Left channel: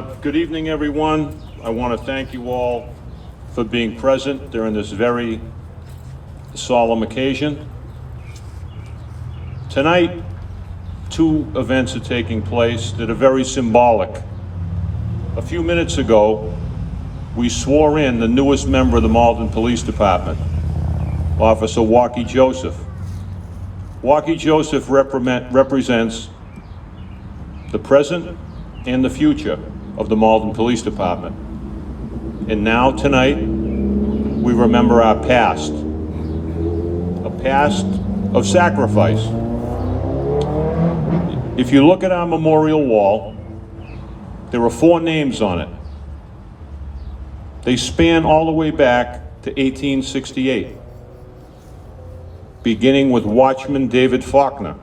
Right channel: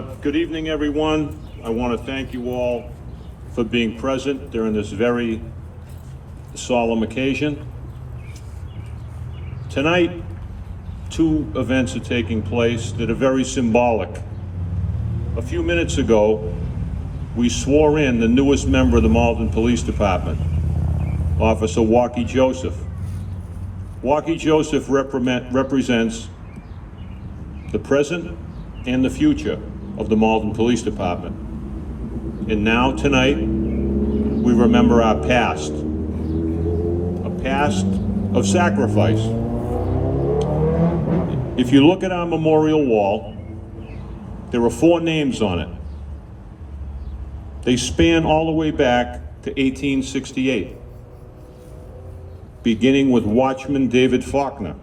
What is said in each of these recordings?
Good evening, everyone. I want to thank you all for being present during this very solemn occasion. Tonight, two events are taking place that are very symbolic. A few minutes ago, we swore in the newest member of the Malden Police Department, Officer Walkie Joseph. Walkie Joseph represents the present and the future of the Malden Police Department. And now, tonight, we remember our past, a past of sacrifice. If you look at our memorial wall, there are 4 names on it. They span all the way back to 1868, beginning with Watchman David Faulkner,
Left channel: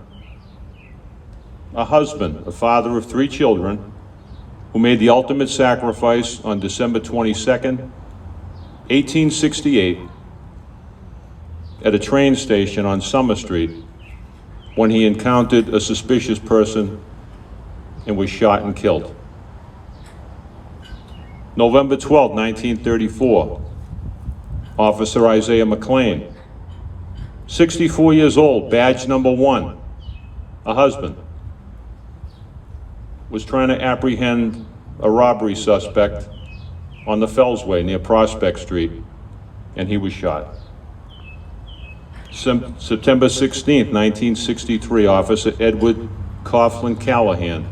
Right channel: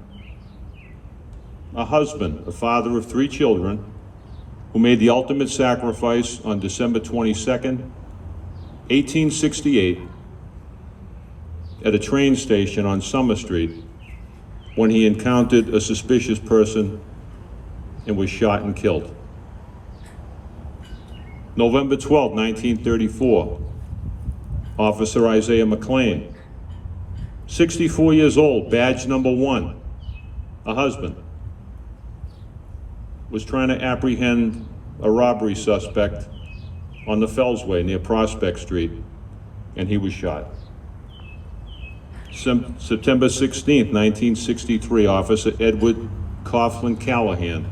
a husband, a father of 3 children, who made the ultimate sacrifice on December 22nd, 1868, at a train station on Summer Street when he encountered a suspicious person and was shot and killed. November 12, 1934, Officer Isaiah McLean, 64 years old, badge number 1, a husband, was trying to apprehend a robbery suspect on the Fellsway near Prospect Street, and he was shot. September 16th, 1963, Officer Edward Coughlin Callahan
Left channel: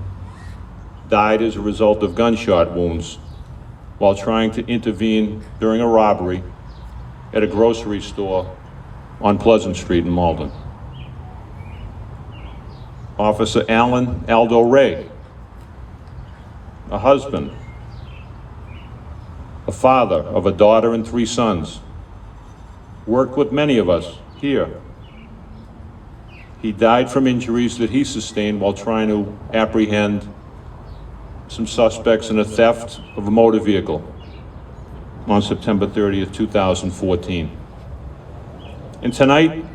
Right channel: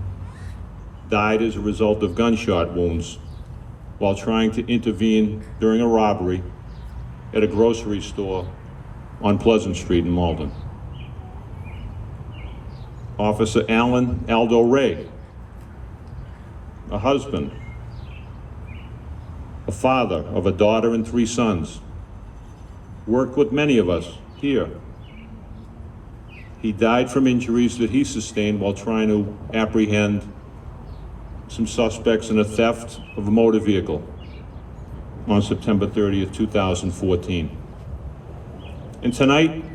died as a result of gunshot wounds while trying to intervene during a robbery at a grocery store on Pleasant Street in Malden. Officer Alan Aldo Ray, a husband, a father of a daughter and 3 sons, worked with many of us here. He died from injuries that he sustained while trying to apprehend some suspects in a theft of a motor vehicle on September 30th, 2014. And tonight,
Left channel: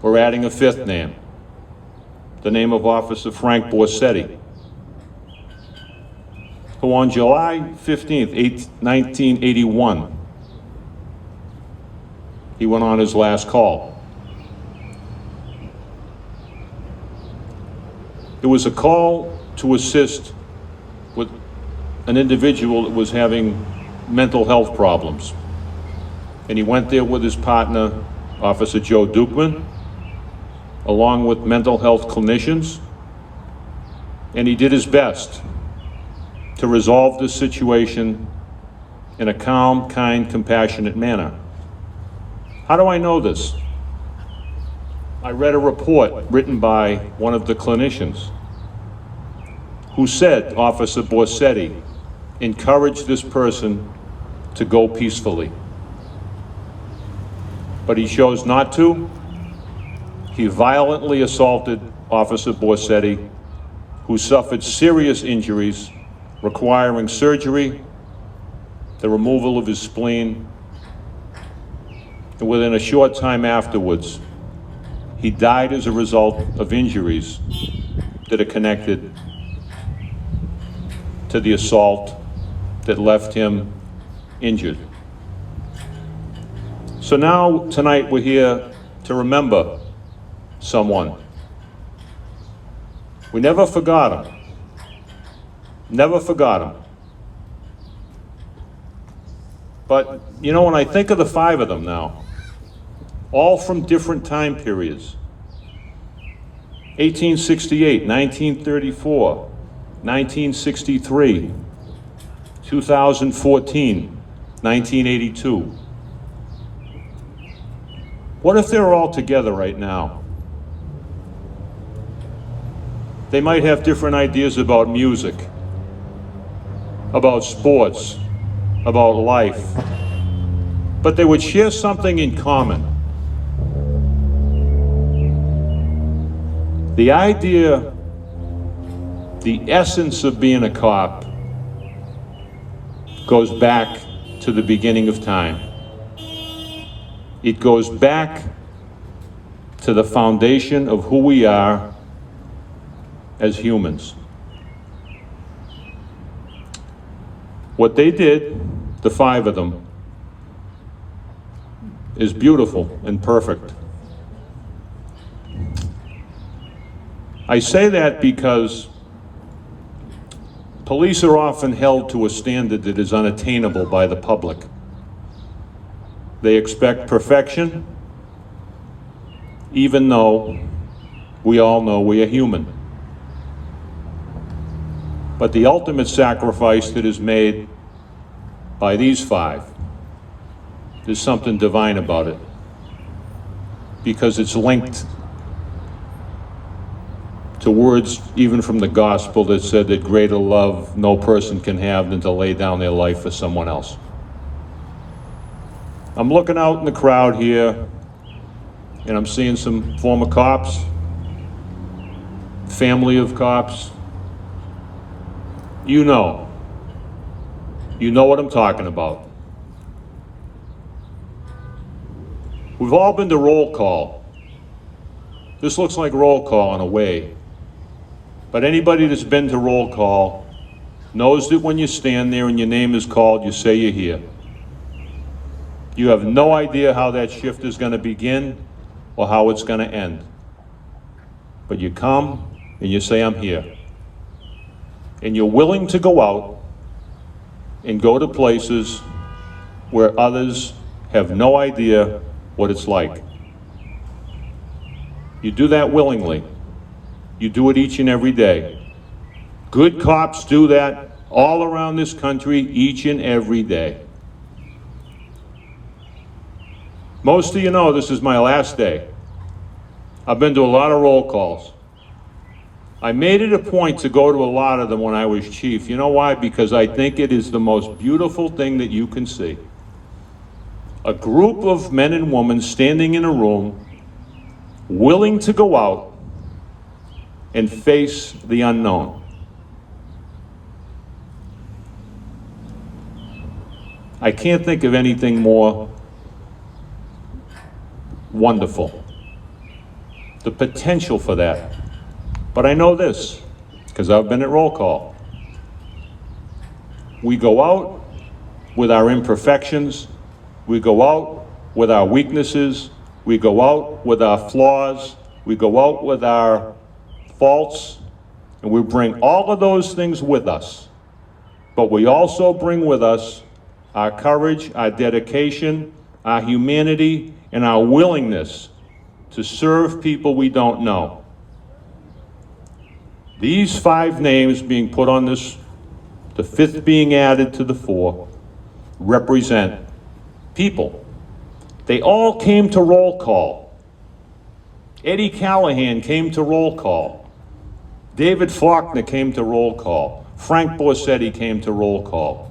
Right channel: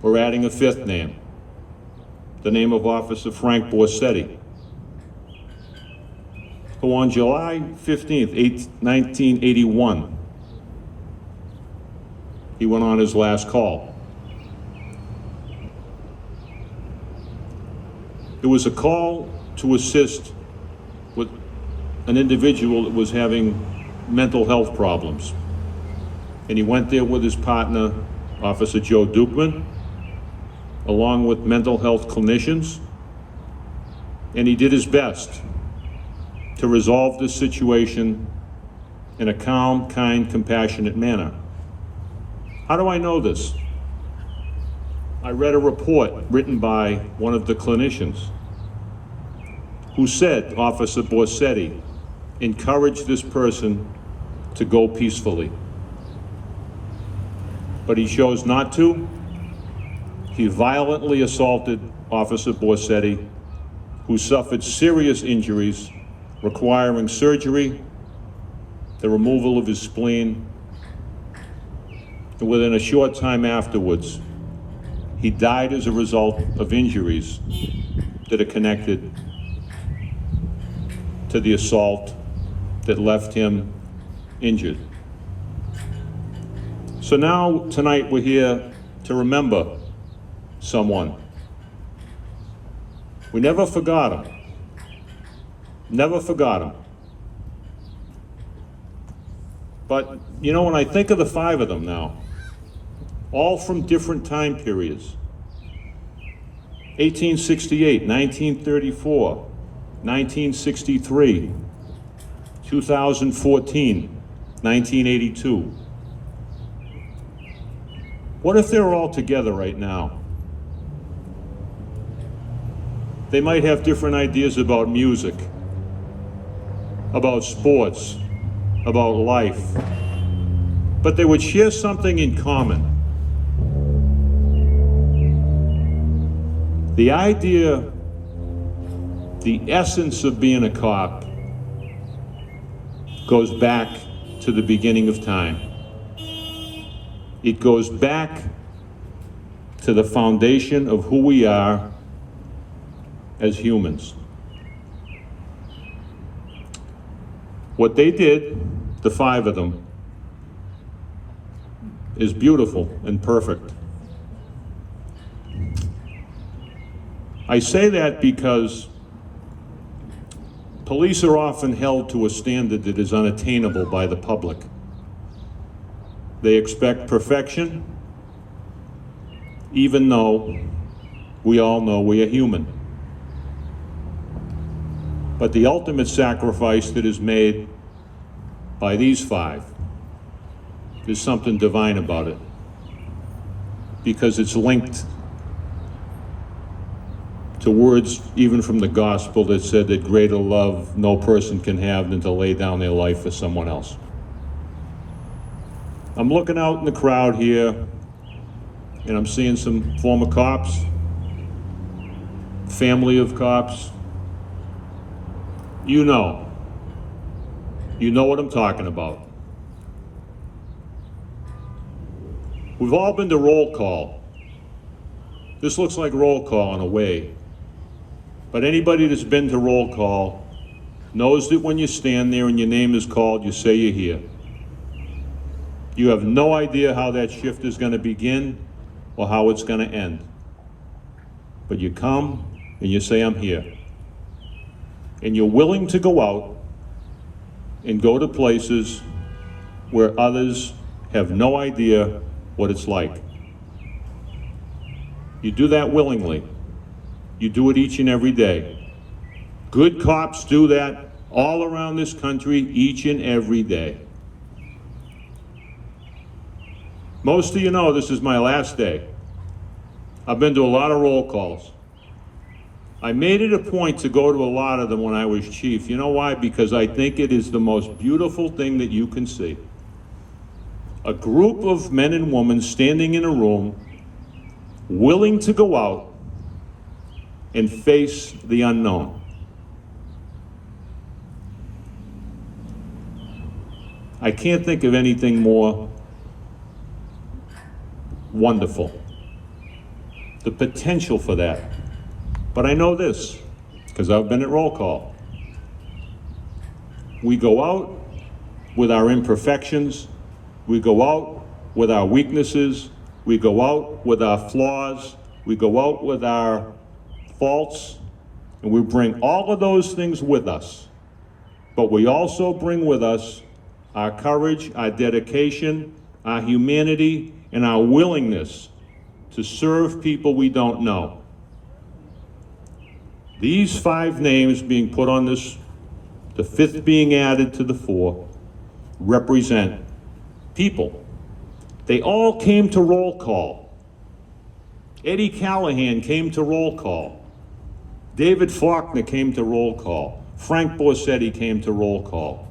we're adding a 5th name, the name of Officer Frank Borseti, who on July 15th, 1981, he went on his last call. It was a call to assist with an individual that was having mental health problems. And he went there with his partner, Officer Joe Dukeman, along with mental health clinicians, and he did his best to resolve this situation in a calm, kind, compassionate manner. How do I know this? I read a report written by one of the clinicians who said Officer Borseti encouraged this person to go peacefully. But he chose not to. He violently assaulted Officer Borseti, who suffered serious injuries requiring surgery, the removal of his spleen, and within a short time afterwards, he died as a result of injuries that are connected to the assault that left him injured. So now, tonight, we're here to remember someone. We never forgot him. Never forgot him. But, you know, when I think of the 5 of them now, all from different time periods, 1868, 1934, 1963, 2014, 1982. What if they were all together right now? They might have different ideas about music, about sports, about life, but they would share something in common. The idea, the essence of being a cop goes back to the beginning of time. It goes back to the foundation of who we are as humans. What they did, the 5 of them, is beautiful and perfect. I say that because police are often held to a standard that is unattainable by the public. They expect perfection, even though we all know we are human. But the ultimate sacrifice that is made by these 5, there's something divine about it, because it's linked to words even from the gospel that said that greater love no person can have than to lay down their life for someone else. I'm looking out in the crowd here, and I'm seeing some former cops, family of cops. You know what I'm talking about. We've all been to roll call. This looks like roll call in a way. But anybody that's been to roll call knows that when you stand there and your name is called, you say you're here. You have no idea how that shift is going to begin or how it's going to end. But you come and you say, I'm here. And you're willing to go out and go to places where others have no idea what it's like. You do that willingly. You do it each and every day. Good cops do that all around this country each and every day. Most of you know this is my last day. I've been to a lot of roll calls. I made it a point to go to a lot of them when I was chief. You know why? Because I think it is the most beautiful thing that you can see. A group of men and women standing in a room, willing to go out and face the unknown. I can't think of anything more wonderful. The potential for that. But I know this, because I've been at roll call. We go out with our imperfections, we go out with our weaknesses, we go out with our flaws, we go out with our faults, and we bring all of those things with us. But we also bring with us our courage, our dedication, our humanity, and our willingness to serve people we don't know. These 5 names being put on this, the 5th being added to the 4, represent people. They all came to roll call. Eddie Callahan came to roll call. David Faulkner came to roll call. Frank Borseti came to roll call.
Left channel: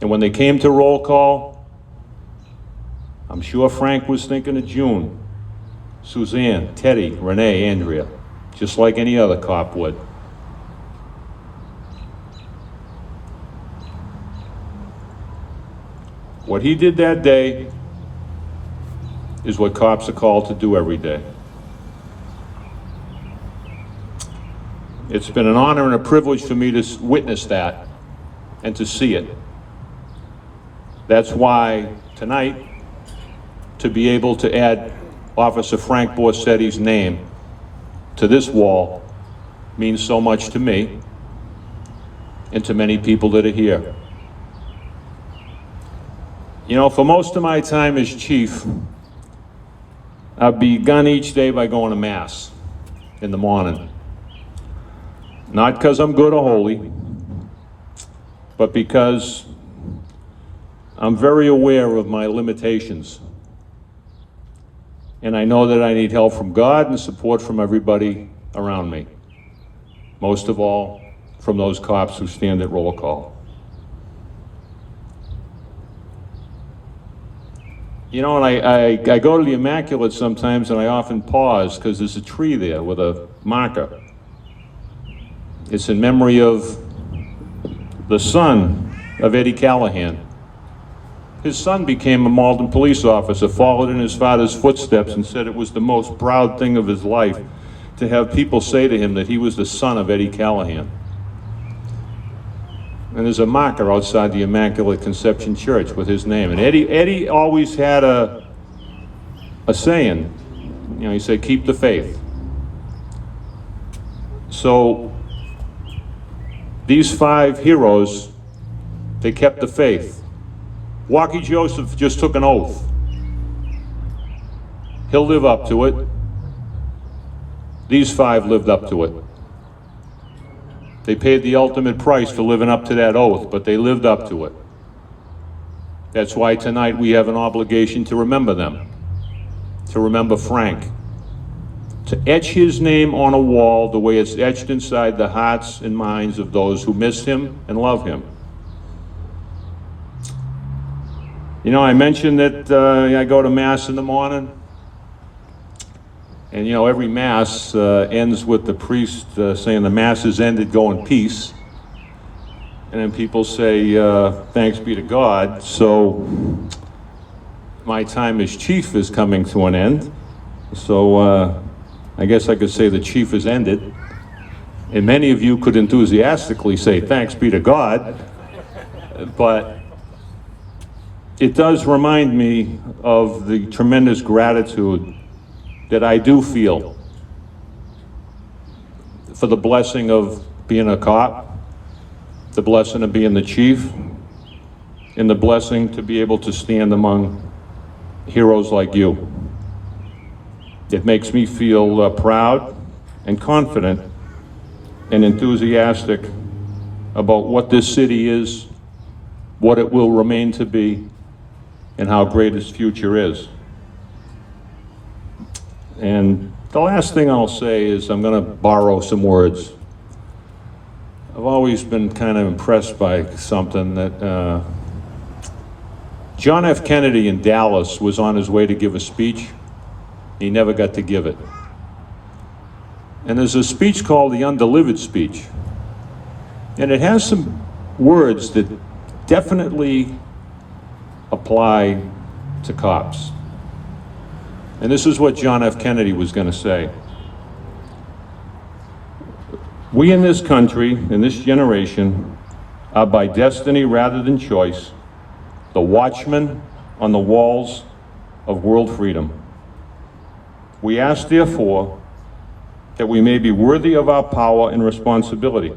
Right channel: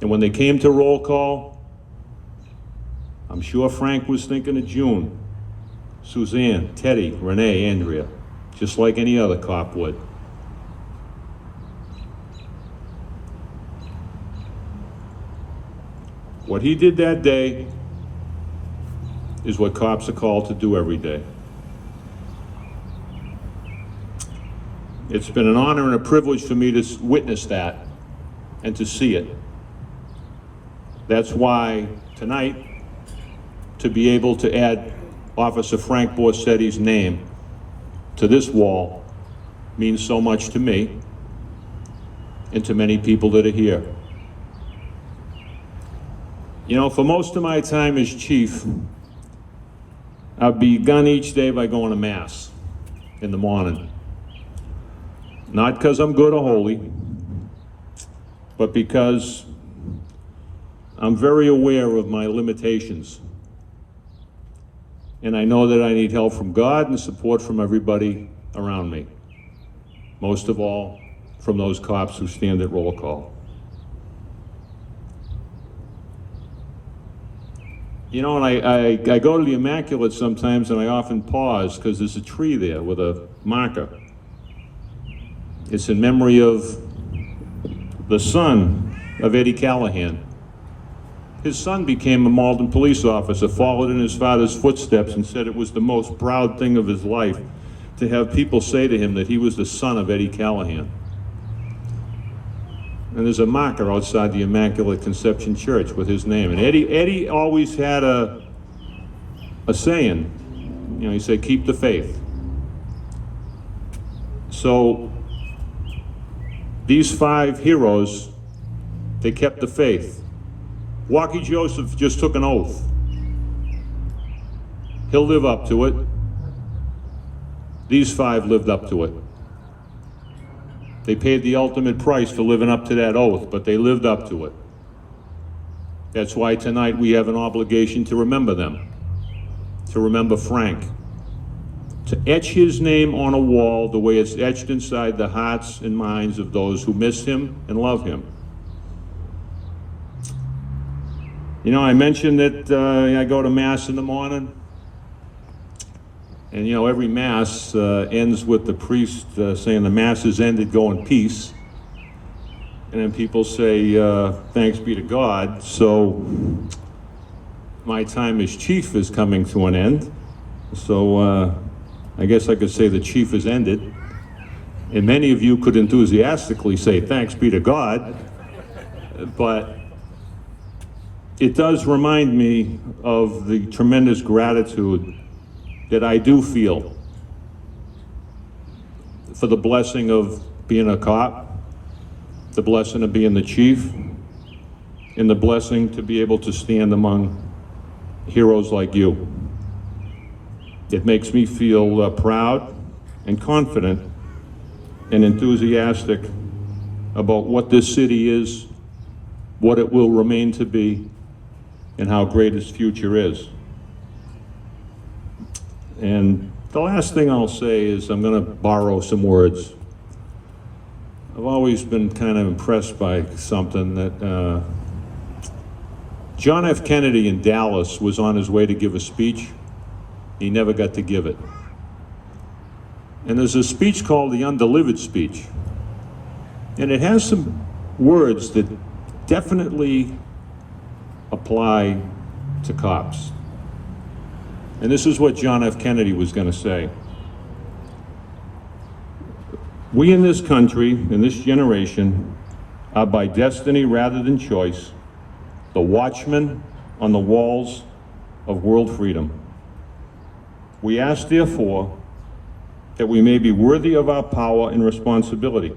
And when they came to roll call, I'm sure Frank was thinking of June, Suzanne, Teddy, Renee, Andrea, just like any other cop would. What he did that day is what cops are called to do every day. It's been an honor and a privilege for me to witness that and to see it. That's why tonight, to be able to add Officer Frank Borseti's name to this wall means so much to me and to many people that are here. You know, for most of my time as chief, I've begun each day by going to Mass in the morning. Not because I'm good or holy, but because I'm very aware of my limitations. And I know that I need help from God and support from everybody around me. Most of all, from those cops who stand at roll call. You know, and I go to the Immaculate sometimes, and I often pause because there's a tree there with a marker. It's in memory of the son of Eddie Callahan. His son became a Malden police officer, followed in his father's footsteps, and said it was the most proud thing of his life to have people say to him that he was the son of Eddie Callahan. And there's a marker outside the Immaculate Conception Church with his name. And Eddie always had a saying, you know, he said, keep the faith. So these 5 heroes, they kept the faith. Walkie Joseph just took an oath. He'll live up to it. These 5 lived up to it. They paid the ultimate price for living up to that oath, but they lived up to it. That's why tonight we have an obligation to remember them, to remember Frank, to etch his name on a wall the way it's etched inside the hearts and minds of those who miss him and love him. You know, I mentioned that I go to Mass in the morning. And you know, every Mass ends with the priest saying the Mass is ended, go in peace. And then people say, thanks be to God. So my time as chief is coming to an end. So I guess I could say the chief is ended. And many of you could enthusiastically say, thanks be to God. But it does remind me of the tremendous gratitude that I do feel for the blessing of being a cop, the blessing of being the chief, and the blessing to be able to stand among heroes like you. It makes me feel proud and confident and enthusiastic about what this city is, what it will remain to be, and how great its future is. And the last thing I'll say is I'm going to borrow some words. I've always been kind of impressed by something that John F. Kennedy in Dallas was on his way to give a speech. He never got to give it. And there's a speech called the Undelivered Speech. And it has some words that definitely apply to cops. And this is what John F. Kennedy was going to say. We in this country, in this generation, are by destiny rather than choice, the watchmen on the walls of world freedom. We ask, therefore, that we may be worthy of our power and responsibility,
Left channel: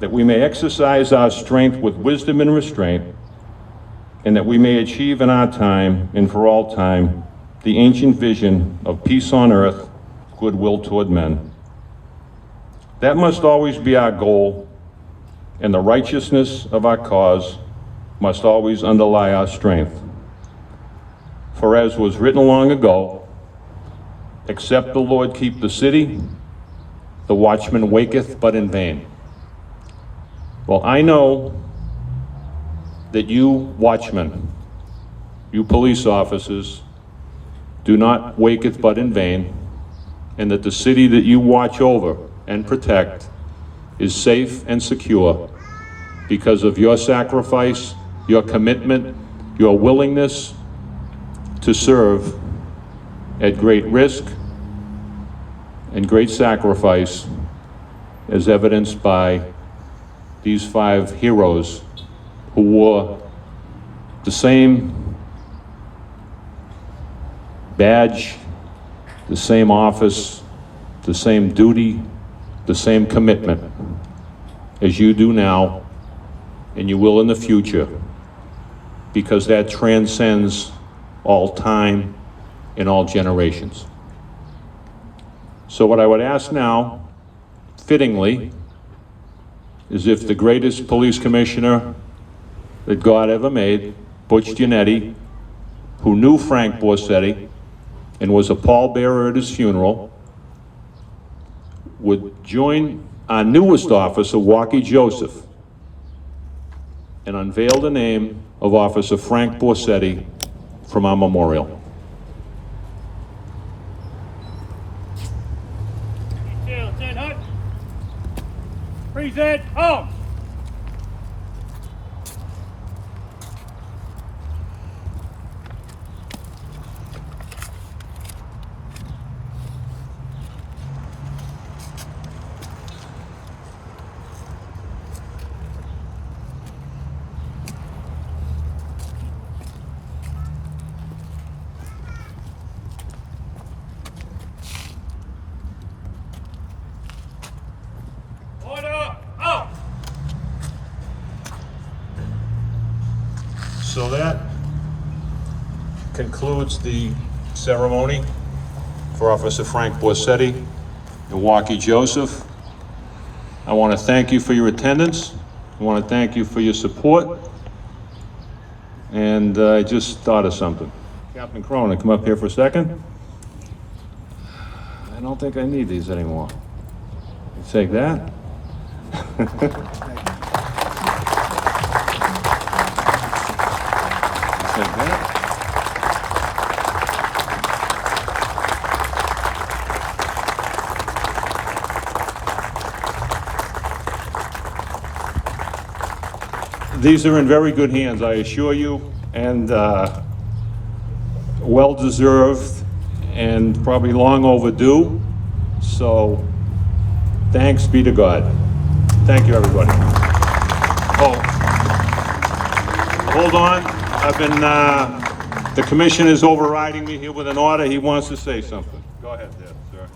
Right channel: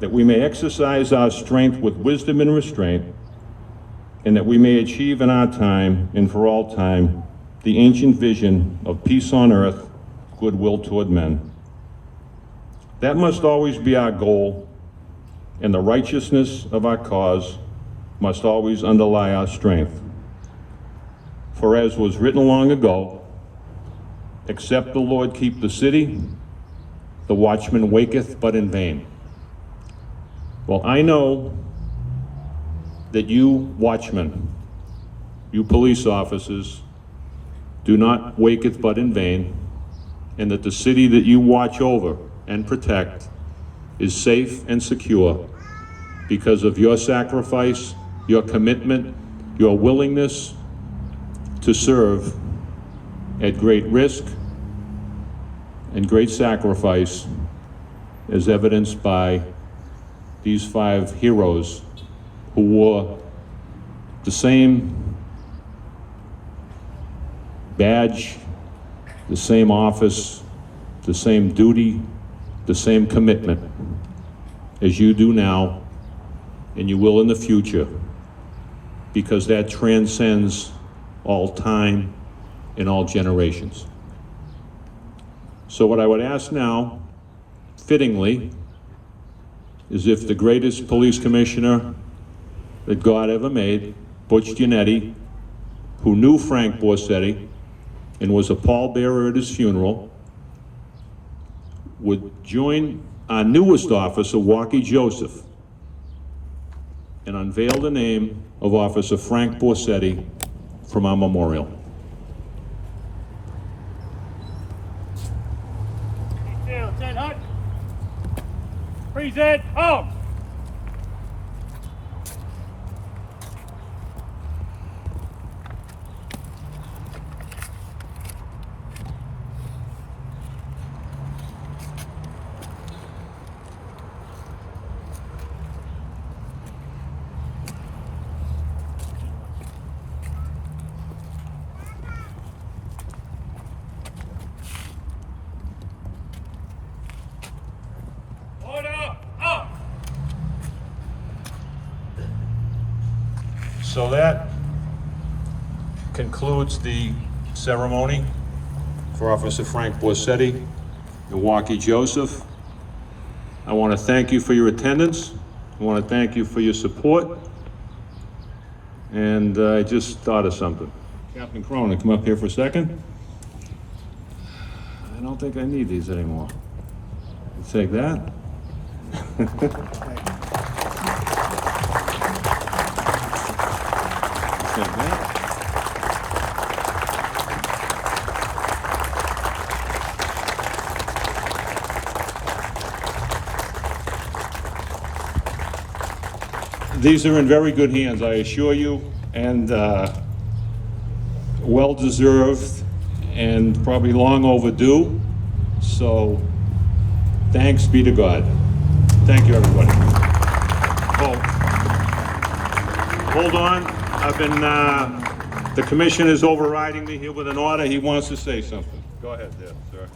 that we may exercise our strength with wisdom and restraint, and that we may achieve in our time and for all time the ancient vision of peace on earth, goodwill toward men. That must always be our goal, and the righteousness of our cause must always underlie our strength. For as was written long ago, except the Lord keep the city, the watchman waketh but in vain. Well, I know that you watchmen, you police officers, do not waketh but in vain, and that the city that you watch over and protect is safe and secure because of your sacrifice, your commitment, your willingness to serve at great risk and great sacrifice, as evidenced by these 5 heroes who wore the same badge, the same office, the same duty, the same commitment as you do now, and you will in the future, because that transcends all time and all generations. So what I would ask now, fittingly, is if the greatest police commissioner that God ever made, Butch Gennetti, who knew Frank Borseti and was a pallbearer at his funeral, would join our newest officer, Walkie Joseph, and unveil the name of Officer Frank Borseti from our memorial. Detail, dead hut. Present, arms. So that concludes the ceremony for Officer Frank Borseti and Milwaukee Joseph. I want to thank you for your attendance. I want to thank you for your support. And I just thought of something. Captain Cronin, come up here for a second. I don't think I need these anymore. Take that. Take that. These are in very good hands, I assure you, and well-deserved and probably long overdue. So thanks be to God. Thank you, everybody. Oh, hold on. I've been, the commission is overriding me here with an order. He wants to say something. Go ahead there, sir.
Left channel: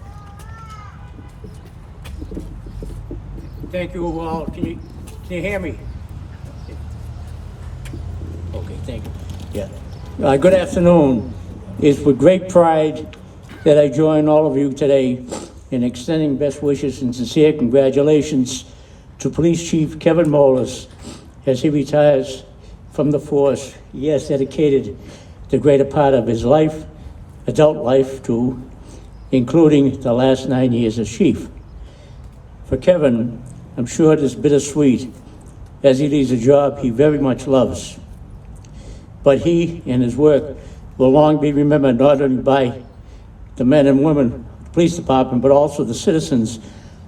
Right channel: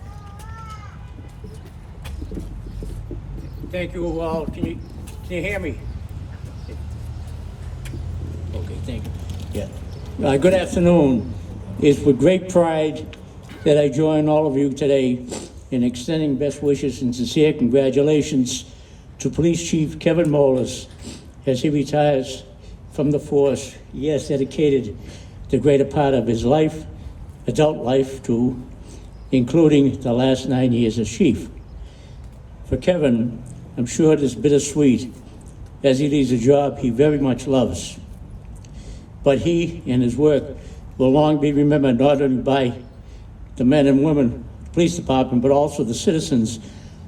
Thank you all. Can you hear me? Okay, thank you. Yeah. Good afternoon. It's with great pride that I join all of you today in extending best wishes and sincere congratulations to Police Chief Kevin Molis as he retires from the force. He has dedicated the greater part of his life, adult life, to including the last 9 years as chief. For Kevin, I'm sure it is bittersweet as he leaves a job he very much loves. But he and his work will long be remembered not only by the men and women of the police department, but also the citizens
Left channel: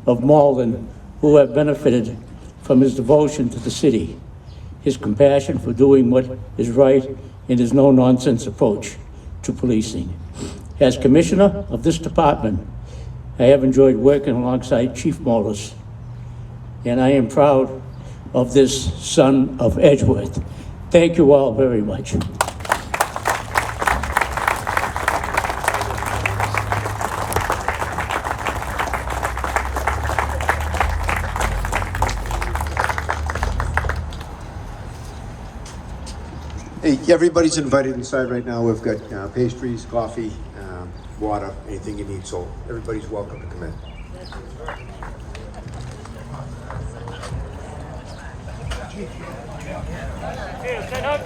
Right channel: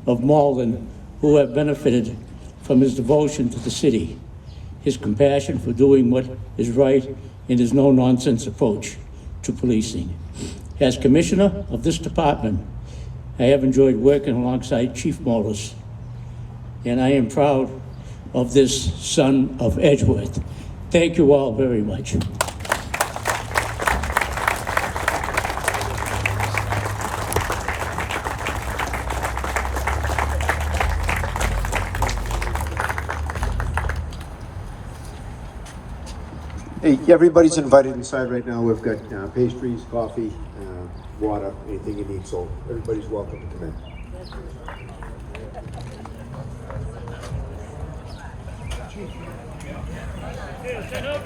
of Malden who have benefited from his devotion to the city, his compassion for doing what is right, and his no-nonsense approach to policing. As commissioner of this department, I have enjoyed working alongside Chief Molis, and I am proud of this son of Edgeworth. Thank you all very much. Hey, everybody's invited inside right now. We've got pastries, coffee, water, anything you need, so everybody's welcome to come in. Stand up.